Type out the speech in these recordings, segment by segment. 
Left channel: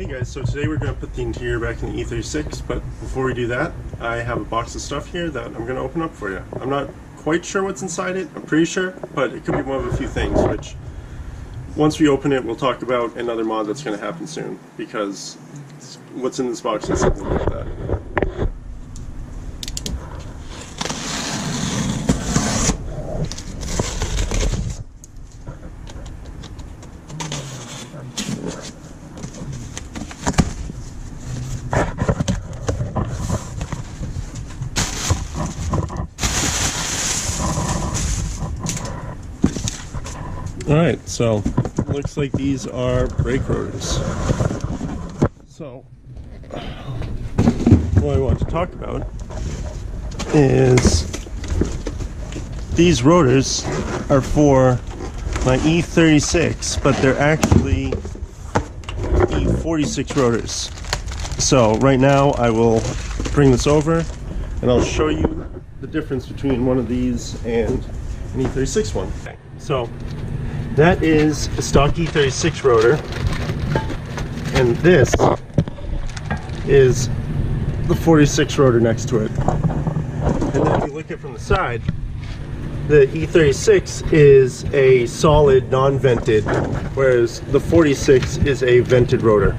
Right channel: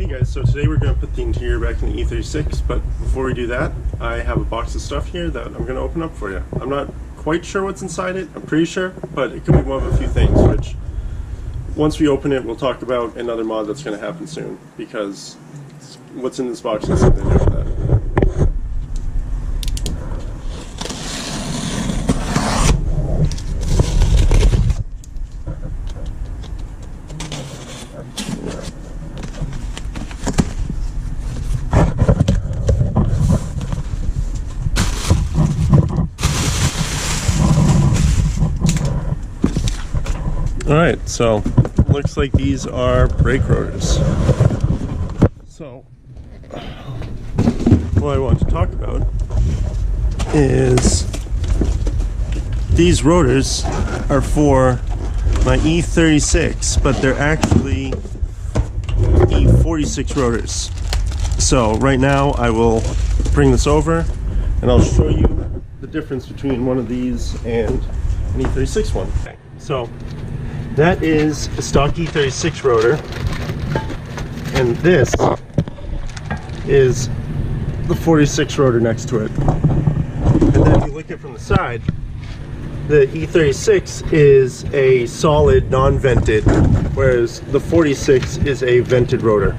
Hey guys, so today we're going to put the interior back in the E36, but before we do that, I have a box of stuff here that I'm going to open up for you. I'm not quite sure what's inside it, I'm pretty sure, but it could be one of a few things, which once we open it, we'll talk about another mod that's going to happen soon, because what's in this box has something to do with that. Alright, so looks like these are brake rotors. So what I want to talk about is these rotors are for my E36, but they're actually E46 rotors. So right now I will bring this over and I'll show you the difference between one of these and an E36 one. Okay. So that is a stock E36 rotor, and this is the 46 rotor next to it. And then if you look at it from the side, the E36 is a solid non-vented, whereas the 46 is a vented rotor.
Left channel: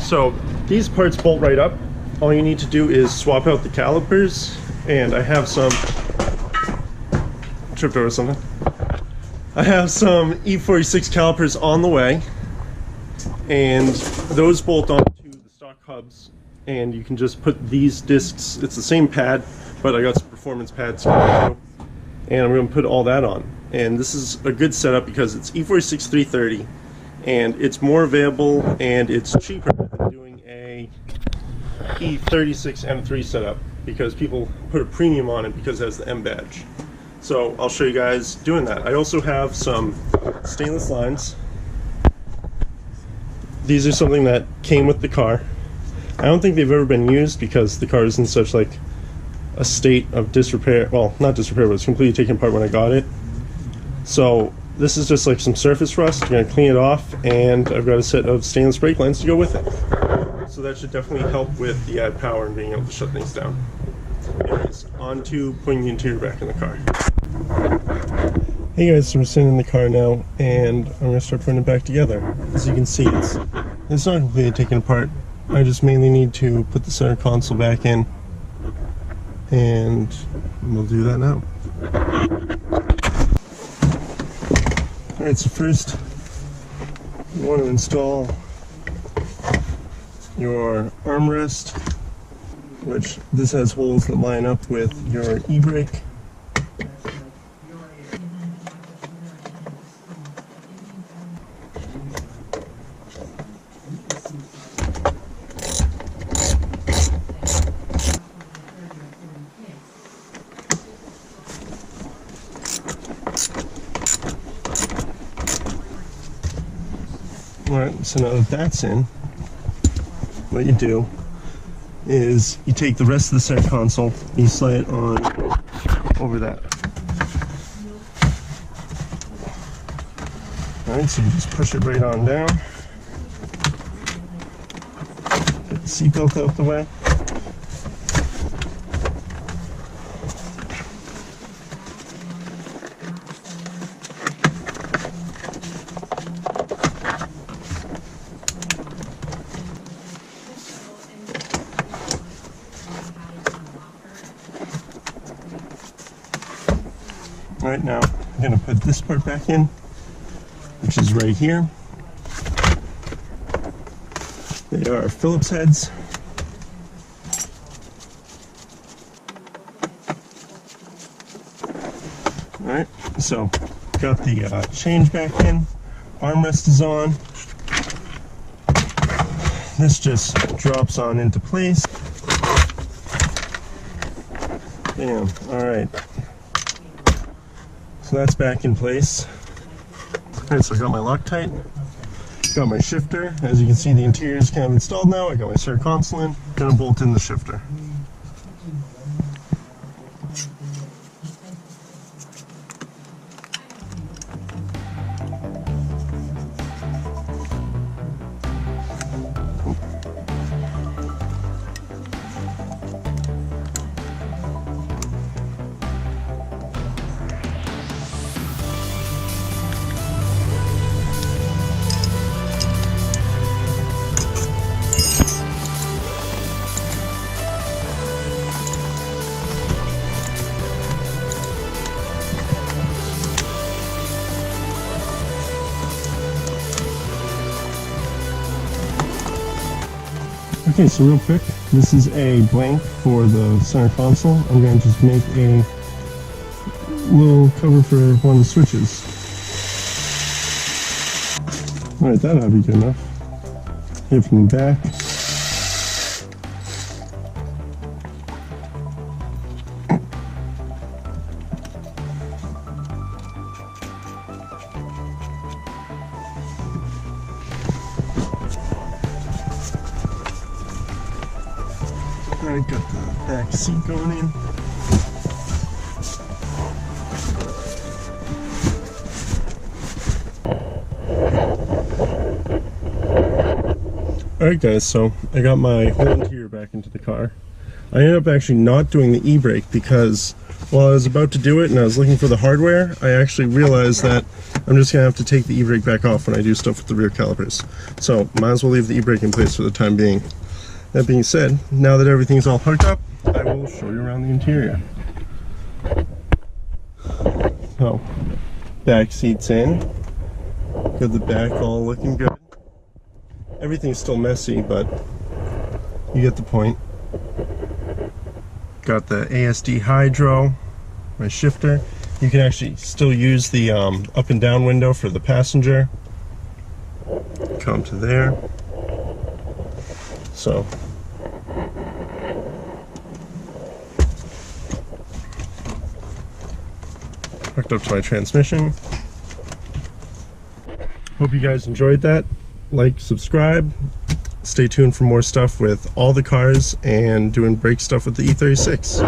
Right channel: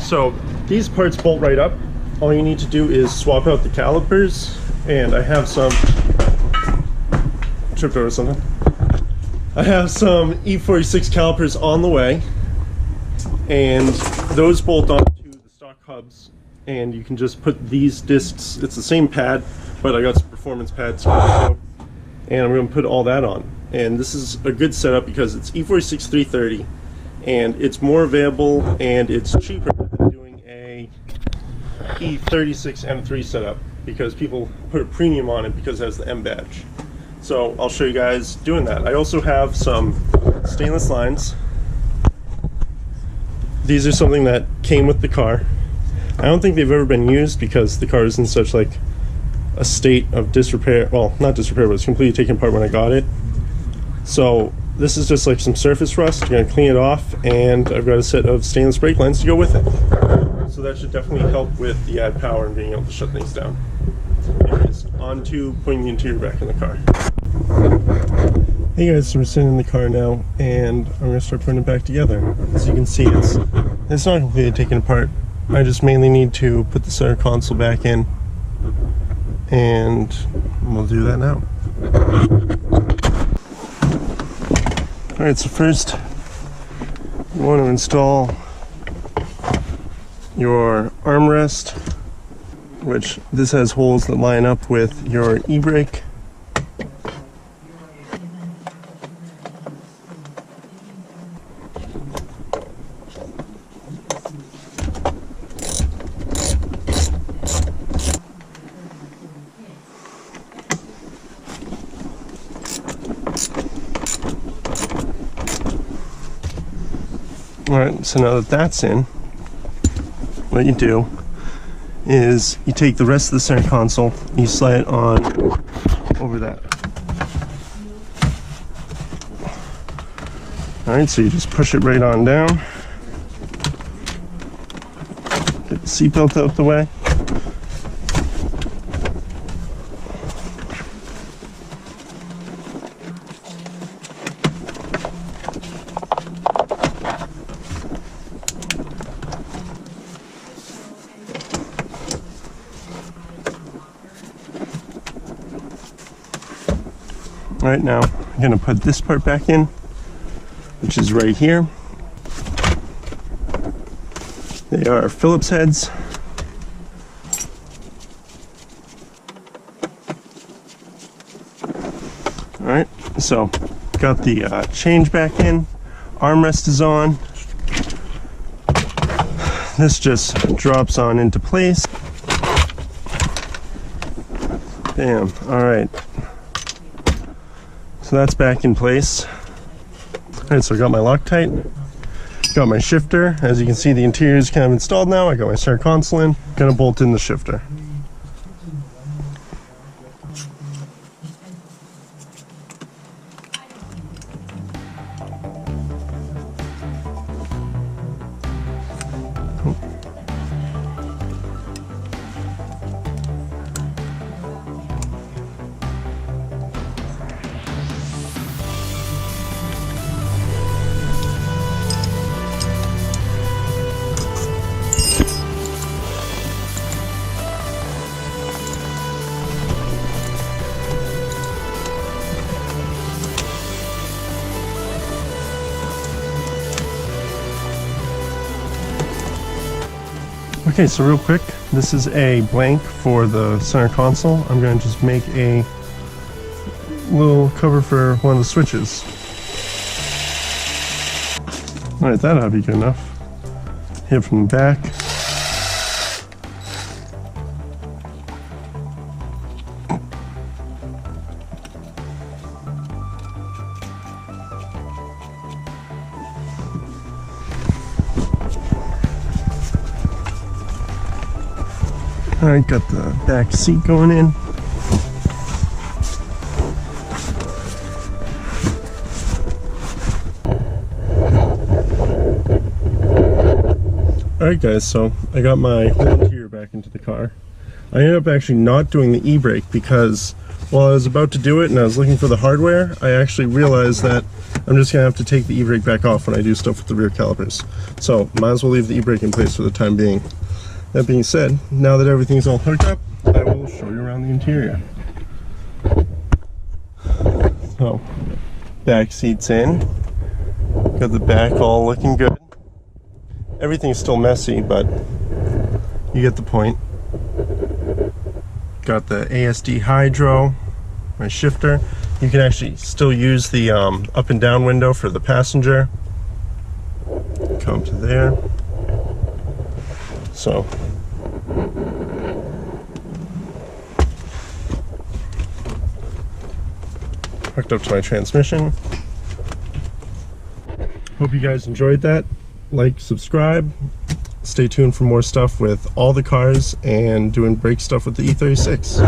So these parts bolt right up. All you need to do is swap out the calipers, and I have some tripped over something. I have some E46 calipers on the way, and those bolt onto the stock hubs, and you can just put these discs, it's the same pad, but I got some performance pads coming too, and I'm going to put all that on. And this is a good setup because it's E46 330, and it's more available and it's cheaper than doing a E36 M3 setup, because people put a premium on it because it has the M badge. So I'll show you guys doing that. I also have some stainless lines. These are something that came with the car. I don't think they've ever been used because the car is in such like a state of disrepair. Well, not disrepair, but it's completely taken apart when I got it. So this is just like some surface rust. I'm gonna clean it off, and I've got a set of stainless brake lines to go with it. So that should definitely help with the add power and being able to shut things down. Anyways, on to putting the interior back in the car. Hey guys, so we're sitting in the car now, and I'm going to start putting it back together. As you can see, it's not completely taken apart. I just mainly need to put the center console back in, and we'll do that now. Alright, so first you want to install your armrest, which this has holes that line up with your e-brake. Alright, so now that that's in, what you do is you take the rest of the center console, you slide it on over that. Alright, so you just push it right on down. Get the seatbelt out the way. Right now, I'm going to put this part back in, which is right here. They are Phillips heads. Alright, so got the change back in, armrest is on. This just drops on into place. Bam, alright. So that's back in place. Alright, so I got my Loctite, got my shifter. As you can see, the interior is kind of installed now. I got my center console in, gonna bolt in the shifter. Okay, so real quick, this is a blank for the center console. I'm going to just make a little cover for one of the switches. Alright, that ought to be good enough. Hit from the back. Alright, got the back seat going in. Alright guys, so I got my whole interior back into the car. I ended up actually not doing the e-brake because while I was about to do it and I was looking for the hardware, I actually realized that I'm just going to have to take the e-brake back off when I do stuff with the rear calipers. So might as well leave the e-brake in place for the time being. That being said, now that everything's all hooked up, I will show you around the interior. So, back seat's in. Got the back all looking good. Everything's still messy, but you get the point. Got the ASD hydro, my shifter. You can actually still use the up and down window for the passenger. Come to there. So hooked up to my transmission. Hope you guys enjoyed that. Like, subscribe. Stay tuned for more stuff with all the cars and doing brake stuff with the E36.